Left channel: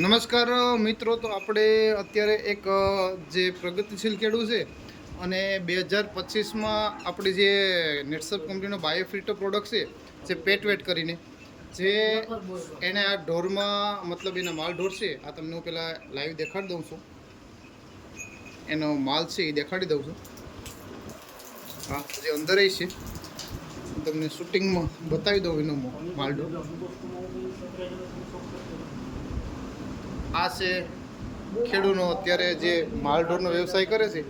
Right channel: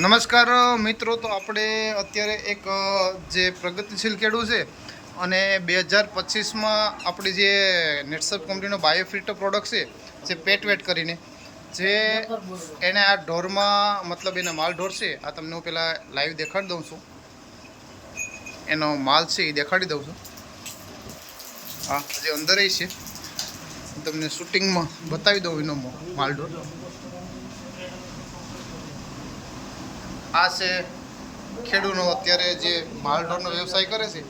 નમસ્કાર મિત્રો, તો આપણે અત્યારે એક જે પ્રગતિશીલ ખેડૂત છે અને 2025માં આપણી જે નેટસપ કંપનીનો બાયોફિટ પ્રોડક્ટ છે જે પેટવેટ કરીને જે એને આ ઢોરમાં મતલબ એના માલ ઢોર છે. આ તમને હું પહેલાં લાઈવ દેખાડી દઉં છું. એનો માલ છે એ દેખાડી દઉં છું. હા, જે અંદર છે તમને શૂટિંગમાં બતાવી દઉં એનો માલ ઢોર. આ છે ખેડૂતનો અત્યારે જે માલઢોરનો વ્યવસાય કરે છે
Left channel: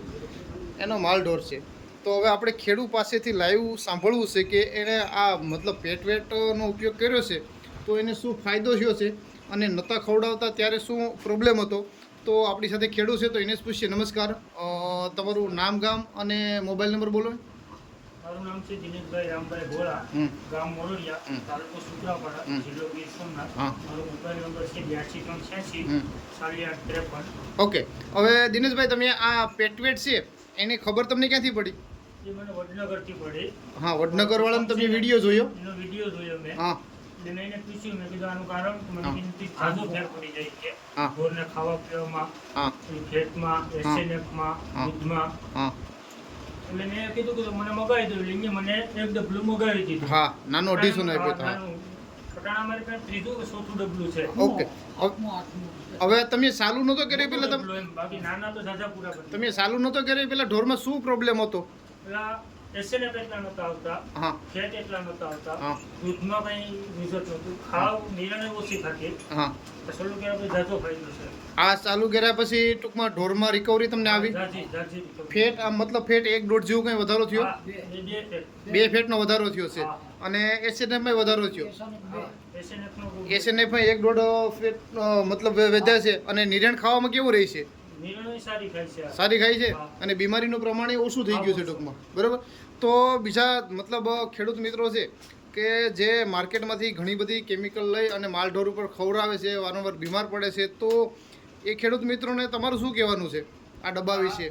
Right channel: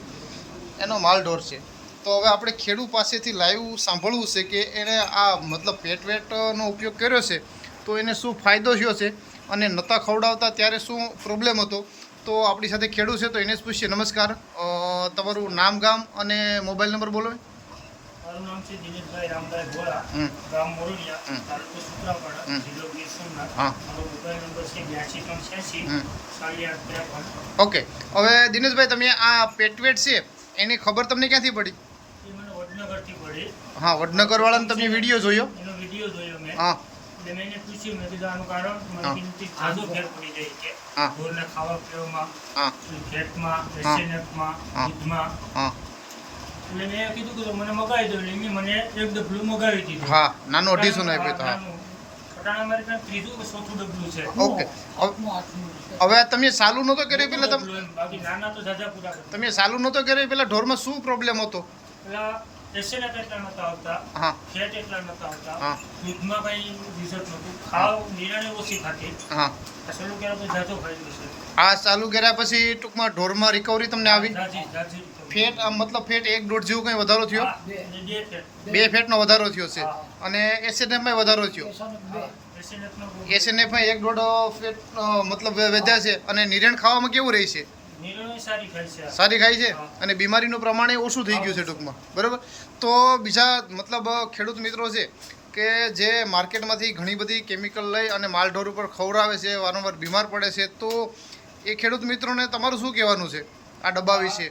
એનો માલઢોર છે. તો હવે આપણે ખેડૂત પાસેથી લાઈવ સાંભળવું છે કે એણે આ મતલબ પેટવેટનો ઉપયોગ કર્યો છે તો એને શું ફાયદો થયો છે અને નહોતા ખવડાવતા ત્યારે શું પ્રોબ્લેમ હતો. તો આપણી સાથે ખેડૂત છે તો એને જ પૂછીએ. નમસ્કાર, તમારું નામ, ગામ અને મોબાઈલ નંબર બોલો. મારું નામ છે દિનેશભાઈ રામભાઈ ભોળા, ગામ મોરડિયા, તાલુકો સુત્રાપાડા, જિલ્લો ગીર સોમનાથ. મારો મોબાઈલ નંબર છે 82 386 48 53. ઓકે, હવે દિનેશભાઈ, તમે આ પેટવેટ છે એની ખબર તમને ક્યાંથી પડી? એ મને વડનગરથી પડી. હા, વડનગર વાળાનો તમે વિડીયો જોયો? એનો વિડીયો જોયો મેં. હા, એટલે મેં એને પૂછ્યું, મેં કીધું આનું કારણ મને કિંમતી ઝાઝો ફેર પડી જાય છે ઢોરને ખાવા પીવામાં, ફેટમાં, એસએનએફમાં, દૂધમાં. એટલે મેં કીધું કે મને મગાવી દો. એટલે મને એક ડબલું મગાવી દીધું. હા, નાનો 250 આપ્યો તો. પટાણા મારી પાસે ત્રીજું કે ચોથું ડબલું છે. ઓકે, હવે તમે ચાલુ નહોતો કર્યો પેલા? બાકી નાના તો ઝાઝા પૂરા કરી. તમે ચાલુ નહોતો કર્યો પેલા ઢોરમાં શું પ્રોબ્લેમ હતો? પેલા એસએનએફ એટલા નહોતા આવતા, હા, ફેટ એટલા નહોતા આવતા, હા, દૂધમાં કઈ રિઝલ્ટ નહોતું, ખાવ નિરાણે ઓછી ખાતી. હા, ચાલુ કર્યા પછી ઝાઝો ફાયદો છે. આ ચાલુ કર્યા પછી ટૂંકમાં ઢોરમાં રિકવરી તમને આવી? ઝાઝી ફેટ મતલબ ફેટ 1-1.5 જેવું કંઈ વધારો થયો? બે ફેટનો વધારો થયો છે અને એસએનએફમાં વધારો થયો. એસએનએફમાં 1-1.5 ફેટ મતલબ વધ્યા છે અને નિરણ ખાવામાં કેવું રહે છે? સારી ખાય છે અને બીમારીનું પ્રમાણ ઓછું થઈ ગયું છે ટૂંકમાં, બરાબર. તો બીજા મતલબ ખેડૂત મિત્રો છે કે જે માર્કેટમાંથી ઘણી બધી કેમિકલ લઈ અને માલઢોર ઉપર ખવડાવે છે, વારંવાર બીમાર પડે છે, તો એ ખેડૂત મિત્રોને તમારું શું કહેવાનું છે આ ડબ્બા વિશે?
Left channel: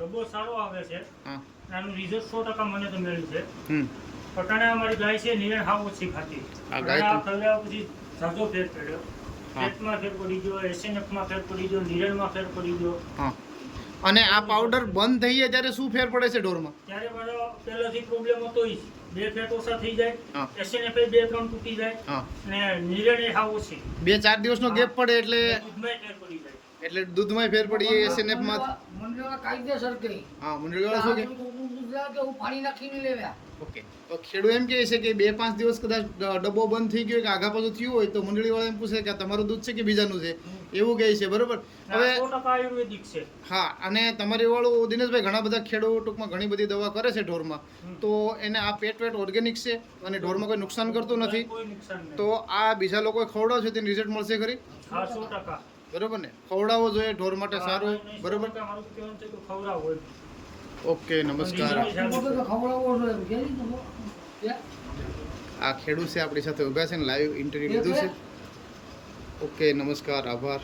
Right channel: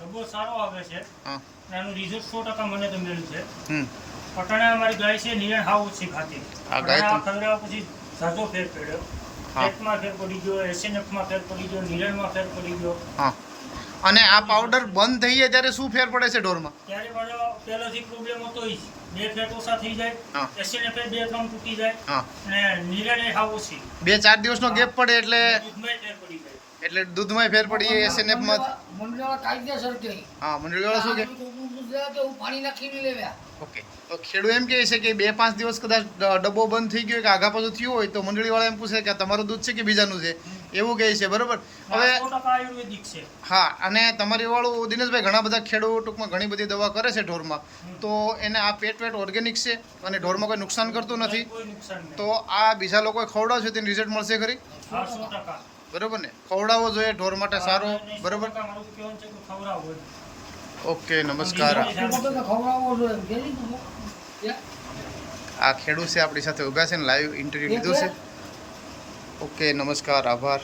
ડબ્બો સારો આવે છે. હા, આનું રિઝલ્ટ 100% મને તો મળ્યું છે. પટાણે અમારી ગાય છે, નિરણ હાવ ઓછી ખાતી. આ ગાય ખવડાવ્યા પછી ઝાઝો ફેર પડ્યો. પેટમાં ફેર પડી ગયો, એસએનએફમાં ફેર પડી ગયો, નિરણમાં ફેર પડી ગયો. હા, અને આ પાવડર બંધ થઈ જાય ત્યારે શું ફેર પડે છે ઢોરમાં? ત્યારે મારો પહેલાથી પ્રોબ્લેમ હતો જ. બે ફેટ ઓછા થઈ જાય, એસએનએફ 2-3 તૂટી જાય અને નિરણ હાવ ઓછી. 2-4 દિવસનો ગેપ પડે એટલે દૂધમાં ફેર પડી જાય. એટલે દૂધમાં ફેર પડી જાય, એસએનએફમાં. મંડળવાળા કાયદેસર કે હા, મંડળવાળા શું કે પાણી નાખીને લેવ્યા. ઓકે, તો ખેડૂત એમ કહે છે કે 2-5 દિવસ કદાચ ડબ્બો બંધ થઈ ગયો કે આગા પાછું થયું હોય તો મંડળીવાળા એમ પૂછે કે તમારું દૂધ છે કે બીજાનું છે, એવું કહે છે, બરોબર. હવે આયુર્વેદિક છે. હા, અને તમારી વાળું દિનેશભાઈ ઘણા બધા ખેડૂત ટૂંકમાં ઘણી બધી દવા કરે છે ઢોરમાં, તો એને આ પેટવેટ ઓર્ગેનિક છે અને ઢોરમાં કોઈ નુકસાન કરતું નથી. તો આ બીજા લોકોએ ખવડાવશે તેનું રિઝલ્ટ મળશે ખરી? બરોબર ને? ખવડાવવો જોઈએ ઢોર માટે સારો, બરોબર. ઓકે, નમસ્કાર. આ ખેડૂત છે આપણી સાથે ઊભા છે ને લાઈવ ઇન્ટરવ્યુ લીધું છે. ઓકે, નમસ્કાર, આભાર.